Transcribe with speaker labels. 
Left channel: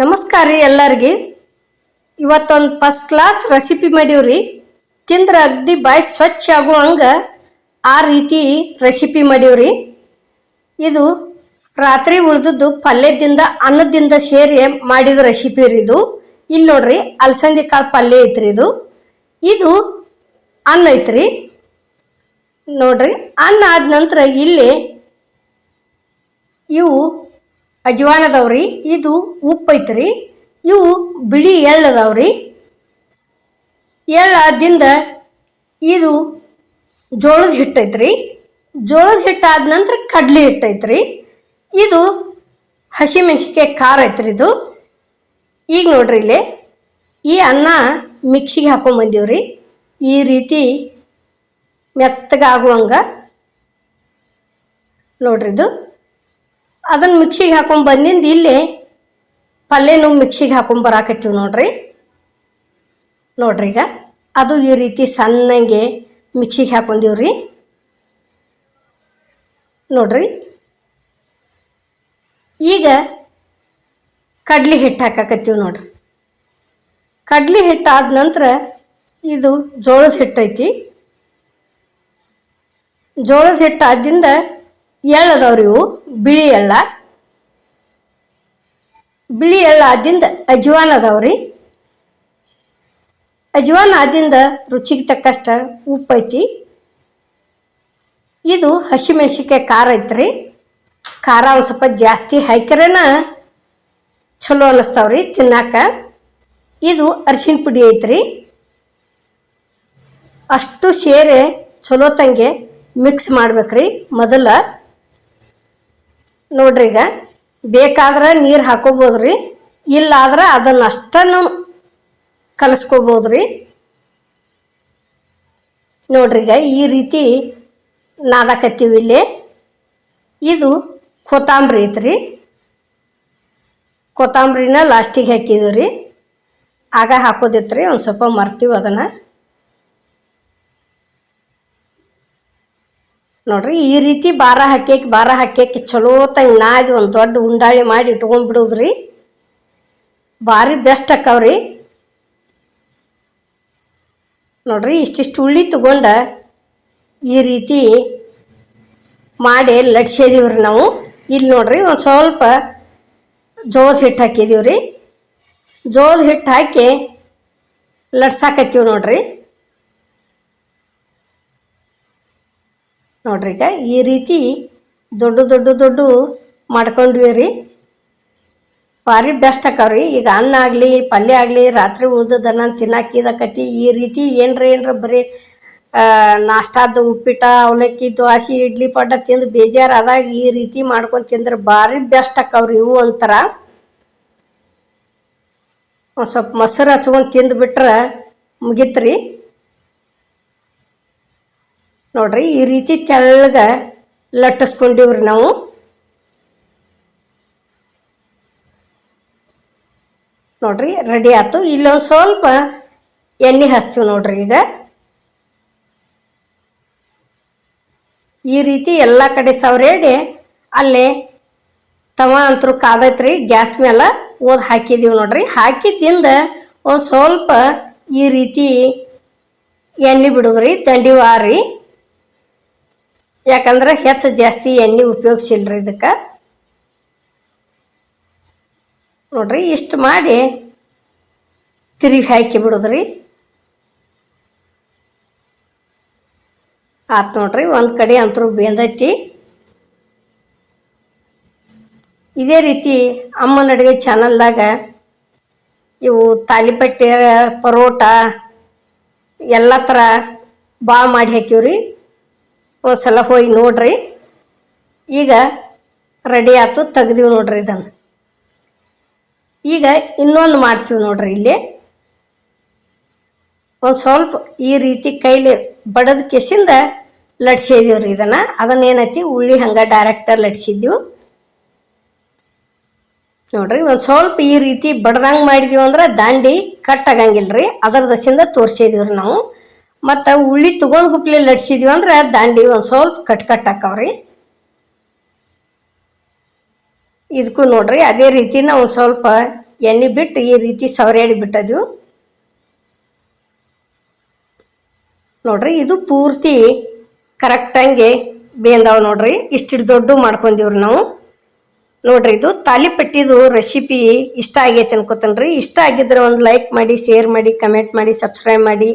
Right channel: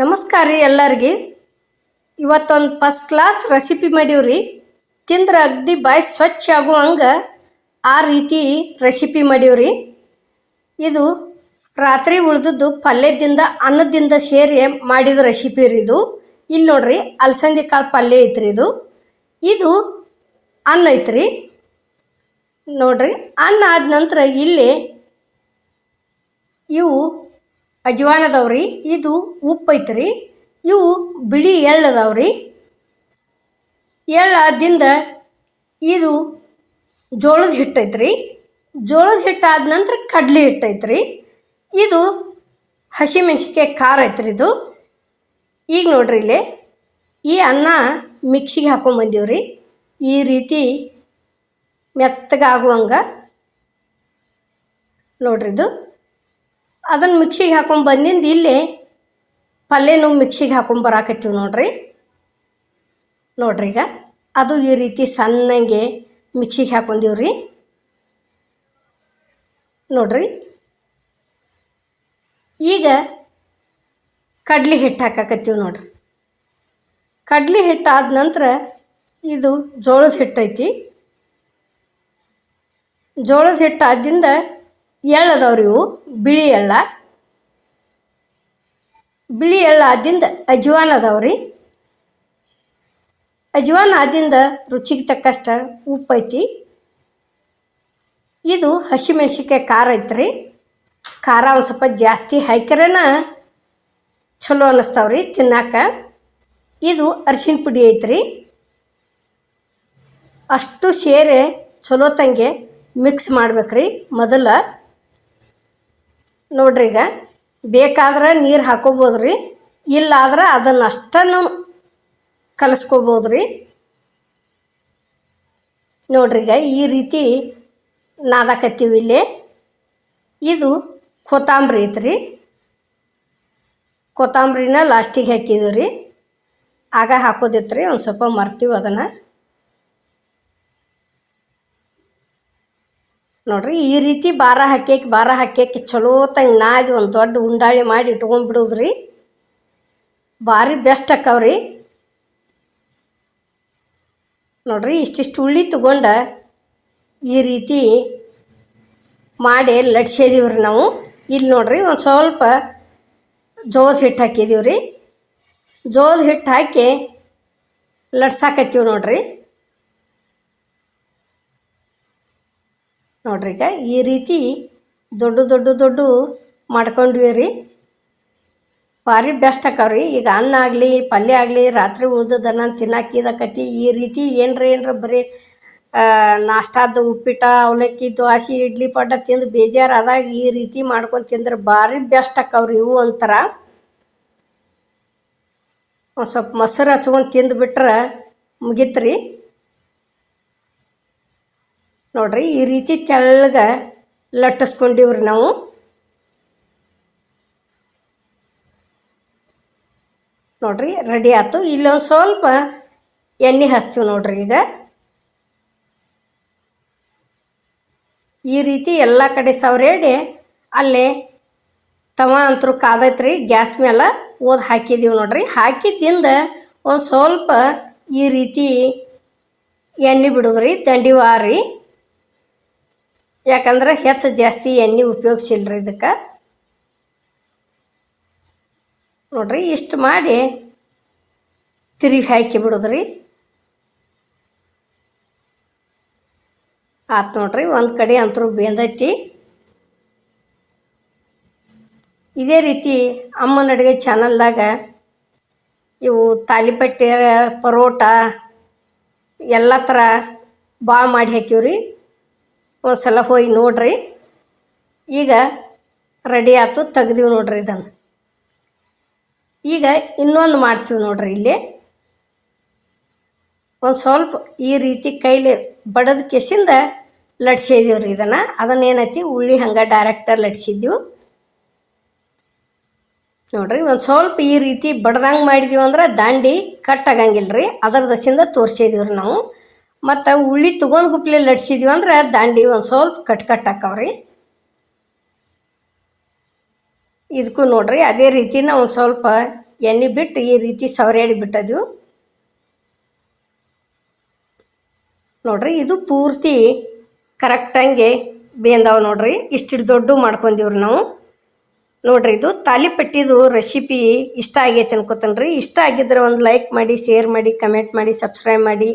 Speaker 1: ನಮಸ್ಕಾರ ರೀ ಎಲ್ಲರಿಗೆ. ಇವತ್ತೊಂದು ಫಸ್ಟ್ ಕ್ಲಾಸ್ ರೆಸಿಪಿ ಮಾಡೀವ್ರಿ ತಿಂದ್ರೆ ಅಗ್ದಿ ಬಾಯಿ ಸ್ವಚ್ಛ ಆಗುವಂಗೆ ಆ ರೀತಿ ರೆಸಿಪಿ ಮಾಡೀವ್ರಿ ಇದು ರಾತ್ರಿ ಉಳ್ದದ್ದು ಪಲ್ಯದಿಂದ ಅನ್ನದಿಂದ ಸೇರಿ ಮಾಡಿದ ರೆಸಿಪಿ ರೀ ಇದು. ಇಲ್ಲಿ ನೋಡ್ರಿ ಅಲಸಂದಿ ಕಾಳು ಪಲ್ಯ ಐತ್ರಿ ಇದು. ಇದು ಅನ್ನ ಐತ್ರಿ. ನೋಡ್ರಿ ಅನ್ನ ಆದ ನಂತರ ಇಲ್ಲಿ ಇವು ಅಜ್ವಾನ್ ಅದಾವ್ರಿ ಇದು ಉಪ್ಪು ಐತ್ರಿ ಇವು ಬಿಳಿ ಎಳ್ಳು ಅದಾವ್ರಿ ಎಳ್ಳು ಆದಿಂದ ಇದು ಜೋಳದ ಹಿಟ್ಟು ಐತ್ರಿ ಜೋಳದ ಹಿಟ್ಟು ಆದ ನಂತರ ಕಡ್ಲೆ ಹಿಟ್ಟು ಐತ್ರಿ ಇದು ಹಸಿಮೆಣ್ಸಿಕಾಯಿ ಖಾರ ಐತ್ರಿ ಇದು. ಈಗ ನೋಡ್ರಿ ಇಲ್ಲಿ, ಈ ಅನ್ನ ಮಿಕ್ಸಿಗೆ ಹಾಕೊಂಬಂದೀವ್ರಿ ಈ ರೀತಿ ಮೆತ್ತಗಾಗುವಂಗ ನೋಡ್ರಿ ಇದು. ಅದನ್ನು ಮಿಕ್ಸಿಗೆ ಹಾಕೊಂಡ್ ಬಂದಿಂದ ಇಲ್ಲಿ ಪಲ್ಯನೂ ಮಿಕ್ಸಿಗೆ ಹಾಕೊಂಡ್ ಬರಾಕತ್ತೀವಿ ನೋಡ್ರಿ. ನೋಡ್ರಿ ಈಗ ಅದು ಈ ರೀತಿ ಸಣ್ಣಗೆ ಮಿಕ್ಸಿಗೆ ಹಾಕೊಂಡಿವ್ರಿ ನೋಡ್ರಿ. ಈಗ ಕಡ್ಲಿ ಹಿಟ್ಟು ಹಾಕಾಕತ್ತೀವಿ ನೋಡ್ರಿ. ಕಡ್ಲಿ ಹಿಟ್ಟು ಆದ ನಂತರ ಇದು ಜೋಳದ ಹಿಟ್ಟು ಐತಿ. ಜೋಳದ ಹಿಟ್ಟು ಆದಿಂದ ಎಳ್ಳು ಅದಾವ್ರಿ ಇವು? ಬಿಳಿ ಎಳ್ಳ. ಬಿಳಿ ಎಳ್ಳ ಆದಿಂದ ಅಜ್ವಾನ್ ಅದಾವ್ರಿ. ಅಜ್ವಾನ್ ಆದಿಂದ ರುಚಿಗೆ ತಕ್ಕಷ್ಟು ಉಪ್ಪು ಐತಿ. ಇದು ಹಸಿಮೆಣ್ಸಿಕಾಯಿ ಖಾರ ಐತ್ರಿ. ಖಾರ ಒಂದು ಸ್ವಲ್ಪ ಜಾಸ್ತಿ ಹಾಕ್ಯಾರನ ಚಲೋ ಅನ್ನಿಸ್ತಾವ್ರಿ ತಿನ್ನಾಕ. ಇದು ಅರಿಶಿನ ಪುಡಿ ಐತ್ರಿ. ಅಷ್ಟು ಸೇರೆ ಚಲೋ ತಂಗೆ ಮಿಕ್ಸ್ ಮಾಡ್ಬೇಕ್ರಿ ಮೊದಲ. ನೋಡ್ರಿ ಈಗ, ಬೇಕಾದ್ರೆ ನೀರು ಹಾಕೋಬೋದ್ರಿ, ಇಲ್ಲಾದ್ರೆ ಅದನ್ನು ಅಷ್ಟನ್ನು ಕಲಿಸ್ಕೋಬೋದ್ರಿ. ನೋಡ್ರಿ ಈಗ, ಈ ರೀತಿ ನಾದಕತ್ತೀವಿ ಇಲ್ಲಿ. ಇದು ಕೊತ್ತಂಬರಿ ಐತ್ರಿ. ಕೊತ್ತಂಬರಿನ ಲಾಸ್ಟಿಗೆ ಹಾಕಿದ್ದೀವಿ ರೀ ಆಗ ಹಾಕೋದಿತ್ತು ರೀ ಒಂದು ಸ್ವಲ್ಪ ಮರ್ತೀವಿ ಅದನ್ನು. ನೋಡ್ರಿ, ಈ ರೀತಿ ಬಾರ ಹಾಕ್ಯಾಕಿ ಬಾರ ಹಾಕ್ಯಾಕಿ ಚಲೋ ತಂಗೆ ನಾದಿ ಒಂದು ದೊಡ್ಡ ಉಂಡಾಳಿ ಮಾಡಿ ಇಟ್ಕೊಂಡ್ಬಿಡೋದ್ರಿ ಭಾರಿ ಬೆಸ್ಟ್ ಅಕ್ಕವ್ರಿ. ನೋಡ್ರಿ, ಇಷ್ಟಿಷ್ಟು ಉಳ್ಳಿ ತಗೊಂಡ ಈ ರೀತಿ ಮಾಡಿ ಲಟ್ಸಿದೀವ್ರಿ ನಾವು. ಇಲ್ಲಿ ನೋಡ್ರಿ, ಒಂದು ಸ್ವಲ್ಪ ಜೋಸ್ ಹಿಟ್ಟು ಹಾಕಿದೀವಿ ರೀ ಜೋಳದ ಹಿಟ್ಟು ಹಾಕಿ ಲಟ್ಸಾಕತ್ತೀವಿ ನೋಡ್ರಿ. ನೋಡ್ರಿ ಈಗ ಈ ರೀತಿ ದೊಡ್ಡ ದೊಡ್ಡ ದೊಡ್ಡ ಮಾಡ್ಕೊಂಡ್ವಿ ರೀ ಭಾರಿ ಬೆಸ್ಟ್ ಆಕಾವ್ರಿ ಈಗ ಅನ್ನ ಆಗಲಿ, ಪಲ್ಯ ಆಗಲಿ, ರಾತ್ರಿ ಉಳ್ದದನ್ನ ತಿನ್ನಾಕಿದಕತಿ ಈ ರೀತಿ ಏನರ ಏನರ ಬರೀ ನಾಷ್ಟಾದ ಉಪ್ಪಿಟ ಅವಲಕ್ಕಿ ದೋಸೆ ಇಡ್ಲಿ ಪಡ್ಡ ತಿಂದು ಬೇಜಾರು ಆದಾಗ ಈ ರೀತಿ ಮಾಡ್ಕೊಂಡು ತಿಂದ್ರೆ ಭಾರಿ ಬೆಸ್ಟ್ ಆಕಾವ್ರಿ ಇವು ಒಂಥರ ಒಂದು ಸ್ವಲ್ಪ ಮೊಸರು ಹಚ್ಕೊಂಡು ತಿಂದುಬಿಟ್ರೆ ಮುಗಿತ್ರಿ. ನೋಡ್ರಿ ಈ ರೀತಿ ತೆಳ್ಳಗ ಲಟ್ಟಿಸ್ಕೊಂಡಿವ್ರಿ ನಾವು. ನೋಡ್ರಿ ರೆಡಿ ಆಯ್ತು. ಇಲ್ಲೊಂದು ಸ್ವಲ್ಪ ಎಣ್ಣೆ ಹಚ್ತೀವಿ ನೋಡ್ರಿ ಈಗ. ಈ ರೀತಿ ಎಲ್ಲ ಕಡೆ ಸವರೇಡಿ ಅಲ್ಲಿ ತವ ಅಂತರೂ ಕಾದೈತ್ರಿ, ಗ್ಯಾಸ್ ಮೇಲೆ ಓದ್ ಹಾಕಿದ್ದೀವಿ ನೋಡ್ರಿ. ಹಾಕಿದ್ದಿಂದ ಒಂದು ಸ್ವಲ್ಪ ಈ ರೀತಿ ಎಣ್ಣೆ ಬಿಡೋದ್ರಿ, ದಂಡಿ ವಾರಿ. ಯಾಕಂದ್ರೆ ಹೆಚ್ಚು ಜಾಸ್ತಿ ಎಣ್ಣೆ ಉಪಯೋಗಿಸಿಲ್ರಿ ಇದಕ್ಕೆ. ನೋಡ್ರಿ, ಇಷ್ಟು ಮಾಡಿ ತಿರುಗಿ ಹಾಕಿ ಬಿಡೋದ್ರಿ. ಆತು ನೋಡ್ರಿ, ಒಂದು ಕಡೆ ಅಂತರೂ ಬೇಂದೈತಿ. ಇದೇ ರೀತಿ ಅಮ್ಮನ ಅಡುಗೆ ಚಾನಲ್ದಾಗ ಇವು ತಾಲಿಪಟ್ಟೆ ಪರೋಟ, ಎಲ್ಲ ಥರ ಭಾಳ ಮಾಡಿ ಹಾಕಿವ್ರಿ. ಸಲ ಹೋಗಿ ನೋಡ್ರಿ. ಈಗ ರೆಡಿ ಆಯ್ತು ತೆಗ್ದೀವಿ ನೋಡ್ರಿ ಇದನ್ನು. ಈಗ ಇನ್ನೊಂದು ಮಾಡ್ತೀವಿ ನೋಡ್ರಿ ಇಲ್ಲಿ. ಒಂದು ಸ್ವಲ್ಪ ಈ ರೀತಿ ಕೈಲಿ ಬಡದ ಕೆಸಿಂದ ಲಟ್ಸಿದೀವಿ ರೀ ಇದನ್ನು. ಅದನ್ನ ಏನೈತಿ, ಉಳ್ಳಿ ಹಂಗೆ ಡೈರೆಕ್ಟರ್ ಲಟ್ಸಿದ್ದೀವಿ. ನೋಡ್ರಿ, ಒಂದು ಸ್ವಲ್ಪ ಈ ರೀತಿ ಬಡ್ದಂಗೆ ಮಾಡಿದೀವಿ ಅಂದ್ರೆ ದಾಂಡಿ ಕಟ್ ಆಗಂಗಿಲ್ಲ ರೀ ಅದರ ದಸಿಂದ ತೋರಿಸಿದೀವಿ ರೀ ನಾವು. ಮತ್ತು ಉಳ್ಳಿ ತಗೊಂಡ್ ಗುಪ್ಲಿ ಲಟ್ಸಿದ್ವಿ ಅಂದ್ರೆ ದಾಂಡಿ ಒಂದು ಸ್ವಲ್ಪ ಕಟ್ ಕಟ್ ಹಾಕವ್ರಿ ಇದಕ್ಕೂ ನೋಡ್ರಿ ಅದೇ ರೀತಿನ ಒಂದು ಸ್ವಲ್ಪ ಎಣ್ಣೆ ಬಿಟ್ಟು ಈ ರೀತಿ ಸವರ್ಯಾಡಿ ಬಿಟ್ಟದ್ವಿ. ನೋಡ್ರಿ ಇದು ಪೂರ್ತಿ ಕರೆಕ್ಟಂಗೆ ಬೇಂದಾವ ನೋಡ್ರಿ. ಇಷ್ಟು ದೊಡ್ಡ ಮಾಡ್ಕೊಂಡಿವ್ರಿ ನಾವು. ನೋಡ್ರಿ ಇದು ತಾಲಿಪಟ್ಟಿದು ರೆಸಿಪಿ ಇಷ್ಟ ಆಗೈತೆ ಅನ್ಕೋತೇನೆ ರೀ ಇಷ್ಟ ಆಗಿದ್ರೆ ಒಂದು ಲೈಕ್ ಮಾಡಿ ಶೇರ್ ಮಾಡಿ ಕಮೆಂಟ್ ಮಾಡಿ ಸಬ್ಸ್ಕ್ರೈಬ್ ಮಾಡಿ.